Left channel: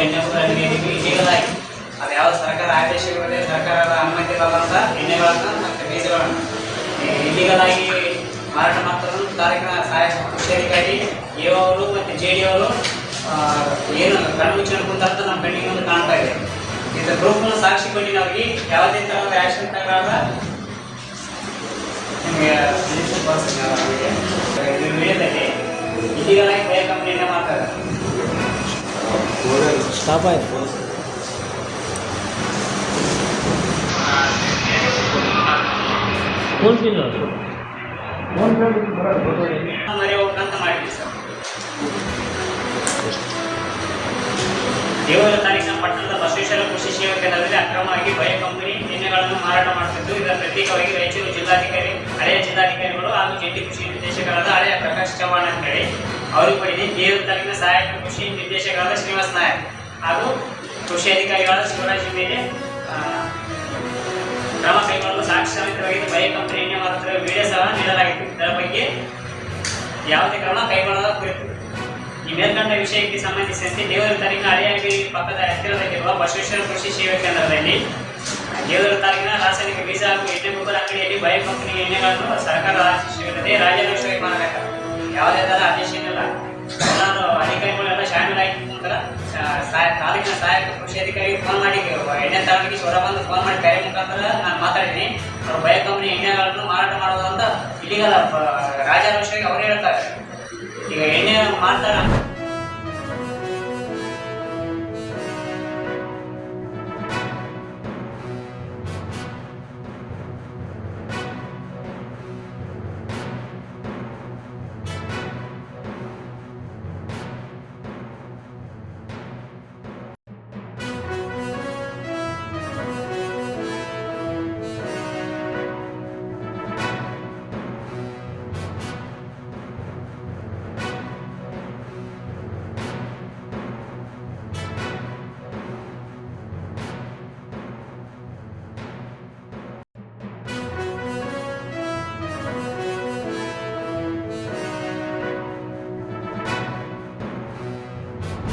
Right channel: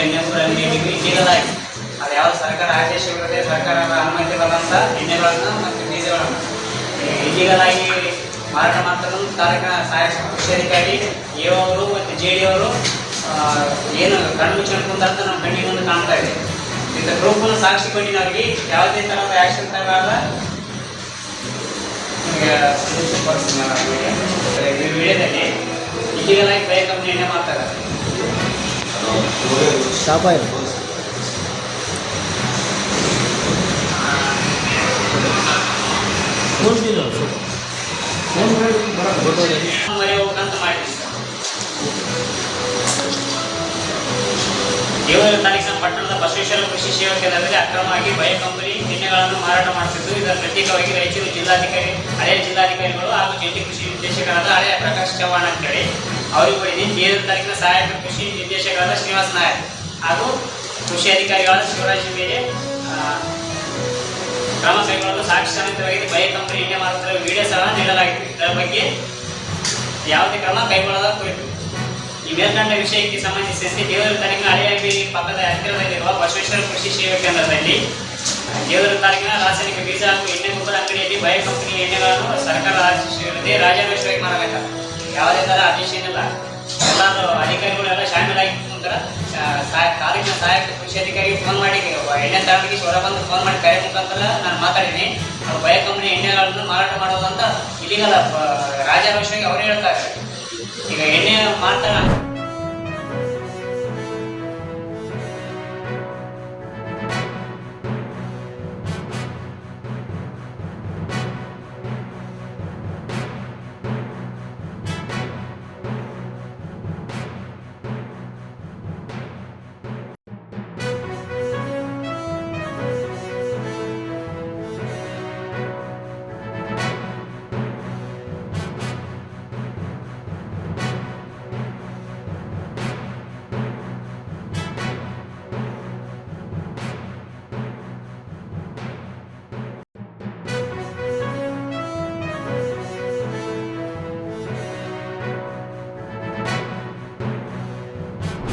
ಎಣ್ಣೆ ಗೊಬ್ಬರ ಅಂಗಡಿಯಲ್ಲಿ ಇಲ್ಲಿಗಲ್ ಆಗಿ ಅದು ಯಾವ ಸರ್ಕಾರ ಆದೇಶವಿಲ್ಲದೆ ಸರ್ಕಾರದ ಅನುಮತಿ ಇಲ್ಲದಂಥ ಎಣ್ಣೆಗಳನ್ನು ಮತ್ತು ಬೀಜಗಳನ್ನು ಇಲ್ಲಿಗಲ್ ಆಗಿ ಮಾರಾಟ ಮಾಡ್ತಾರೆ. ತಾಲೂಕಿನ ಸಹಾಯಕ ಕೃಷಿ ಅಧಿಕಾರಿ ಎ ಅವರು ಮತ್ತು ಜೆ ಡಿ ಅವರು ಏನು ಕಣ್ಣು ಮುಚ್ಚಿಕೊಂಡು ಕುಂತ ನಮ್ಮ ಕಣ್ಣಿಗೆ ಮುಂದೆ ಕಾಣ್ತಾ ಇದೆ. ಇಂಥ ಗ್ರೂಪ್ನ ಸಾಕ್ಷಿ ಕೊಟ್ಟಿನವ್ರಿಗೆ ಯಾವುದೇ ಥರದ ಆ್ಯಕ್ಷನ್ ತಗೊಳ್ಳಾದ ನಿಮಗೆ ಸೊಲ್ಯೂಷನ್ ಬರ್ತೀನಿ. ಈ ವಿಡಿಯೋದಲ್ಲಿ ಇಲ್ಲಿಗಲ್ ಆಗಿ ಬಯ ಕಂಪ್ನಿ ಎಣ್ಣೆ ಮಾಡ್ತಾರೆ. ಸ್ಟಾಪ್ ಆಯ್ತು. ಮರಿ ಹೋಗ್ಬೇಕಂತ ಮಾಡಿದ್ದೀನಿ ಸರ್. ದೇವರ ತಾಲೂಕಿನ ಪಟ್ಟಣದ ಬಸವೇಶ್ವರ ಕೃಷಿ ಸೇವಾ ಕೇಂದ್ರದಲ್ಲಿ ಅಕ್ರಮವಾಗಿ ಬಯ ಕಂಪನಿ ಎಣ್ಣೆಗಳನ್ನು ಮಾರಾಟ ಮಾಡುತ್ತಿದ್ದು, ಇದರ ಪ್ರತ್ಯೇಕವಾಗಿ ರಾಯಚೂರು ಜಿಲ್ಲಾಧಿಕಾರಿ ಹಳೆಯ ಜಿಲ್ಲಾಧಿಕಾರಿಗಳು ಹಾಗೂ ಜಂಟಿ ಕೃಷಿ ನಿರ್ದೇಶಕರಾದ ಹಳೆಯ ಪ್ರಕಾಶ್ ಚವ್ಹಾಣ್ ಅಂತೇಳಿ ಅವರಿಗೆ ಕೊಟ್ಟಿದ್ದೀನಿ. ದೇವರ ತಾಲೂಕಿನ ಸಹಾಯಕ ಕೃಷಿ ನಿರ್ದೇಶಕರಾದ ಶ್ರೀನಿವಾಸ್ ನಾಯಕ್ ಹಾಗೂ ಕೃಷಿ ಅಧಿಕಾರಿಗಳಾದ ಶಿವರಾಜ್ ಮೇಲೆ ಕ್ರಮ ಕೈಗೊಳ್ಳಲು ಸಾಕ್ಷಿ ಸಮೇತವಾಗಿ ಬಯ ಕಂಪನಿ ಎಣ್ಣೆ ಮಾರುತ್ತಿರುವ ವಿಡಿಯೋ ಸಹ ನೀಡಲಾಗಿತ್ತು. ಇದರ ಬಗ್ಗೆ ಯಾವುದೇ ಕ್ರಮ ಕೈಗೊಳ್ಳದ ಕುರಿತು ಈ ಮೇಲ್ಕಂಡ ವಿಷಯಕ್ಕೆ ಸಂಬಂಧಿಸಿದಂತೆ ದೇವರ ತಾಲೂಕಿನ ಹಳೆಯ ಪಕ್ಕದ ಹತ್ತಿರದಲ್ಲಿರುವ ಬಸವೇಶ್ವರ ಕೃಷಿ ಸೇವಾ ಕೇಂದ್ರದಲ್ಲಿ ದೇವರ ತಾಲೂಕಿನ ರಾಸಾಯನಿಕ ಬೀಜ ಹಾಗೂ ಎಣ್ಣೆ ಗೊಬ್ಬರ ಅಂಗಡಿಯಲ್ಲಿ ಬಯ ಕಂಪನಿ ಎಣ್ಣೆಗಳನ್ನು ಸರ್ಕಾರದ ಆದೇಶವಿಲ್ಲದೆ ರಾಜಾರೋಷವಾಗಿ ಮಾರಬೇಕು. ಯಾವುದೇ ಥರ ಆದೇಶ ಏನಿಲ್ಲ. ಎಲ್ಲರೂ ಅಧಿಕಾರಿಗಳೆಲ್ಲ ಶಾಮೀಲಾಗಿ ನಂತರ ತಾಲೂಕಿನ ಸಹಾಯಕ ಕೃಷಿ ಅಧಿಕಾರಿಗೆ ಫೋನ್ ಮಾಡಿ ಎಣ್ಣೆ ತಗೊಂಡಿಗೆ ಹೊರ ಬಂದು ಫೋನ್ ಮಾಡಿ ಕರೆ ಮುಖಾಂತರ ನಾನು ಮಾತಾಡಿದ್ದೀನಿ. ಅವರು ಬಯ ಕಂಪನಿ ಎಣ್ಣೆಗಳನ್ನು ಮಾರಾಟ ಮಾಡೋದು ಅಂತ ಇಲ್ಲಿಗಲ್ಲ ರಾಜಾರೋಷವಾಗಿ ಅವರೇ ಹೇಳ್ತಾರೆ. ಈಗ ಎಣ್ಣೆ ಮಾರ್ತಾರೆ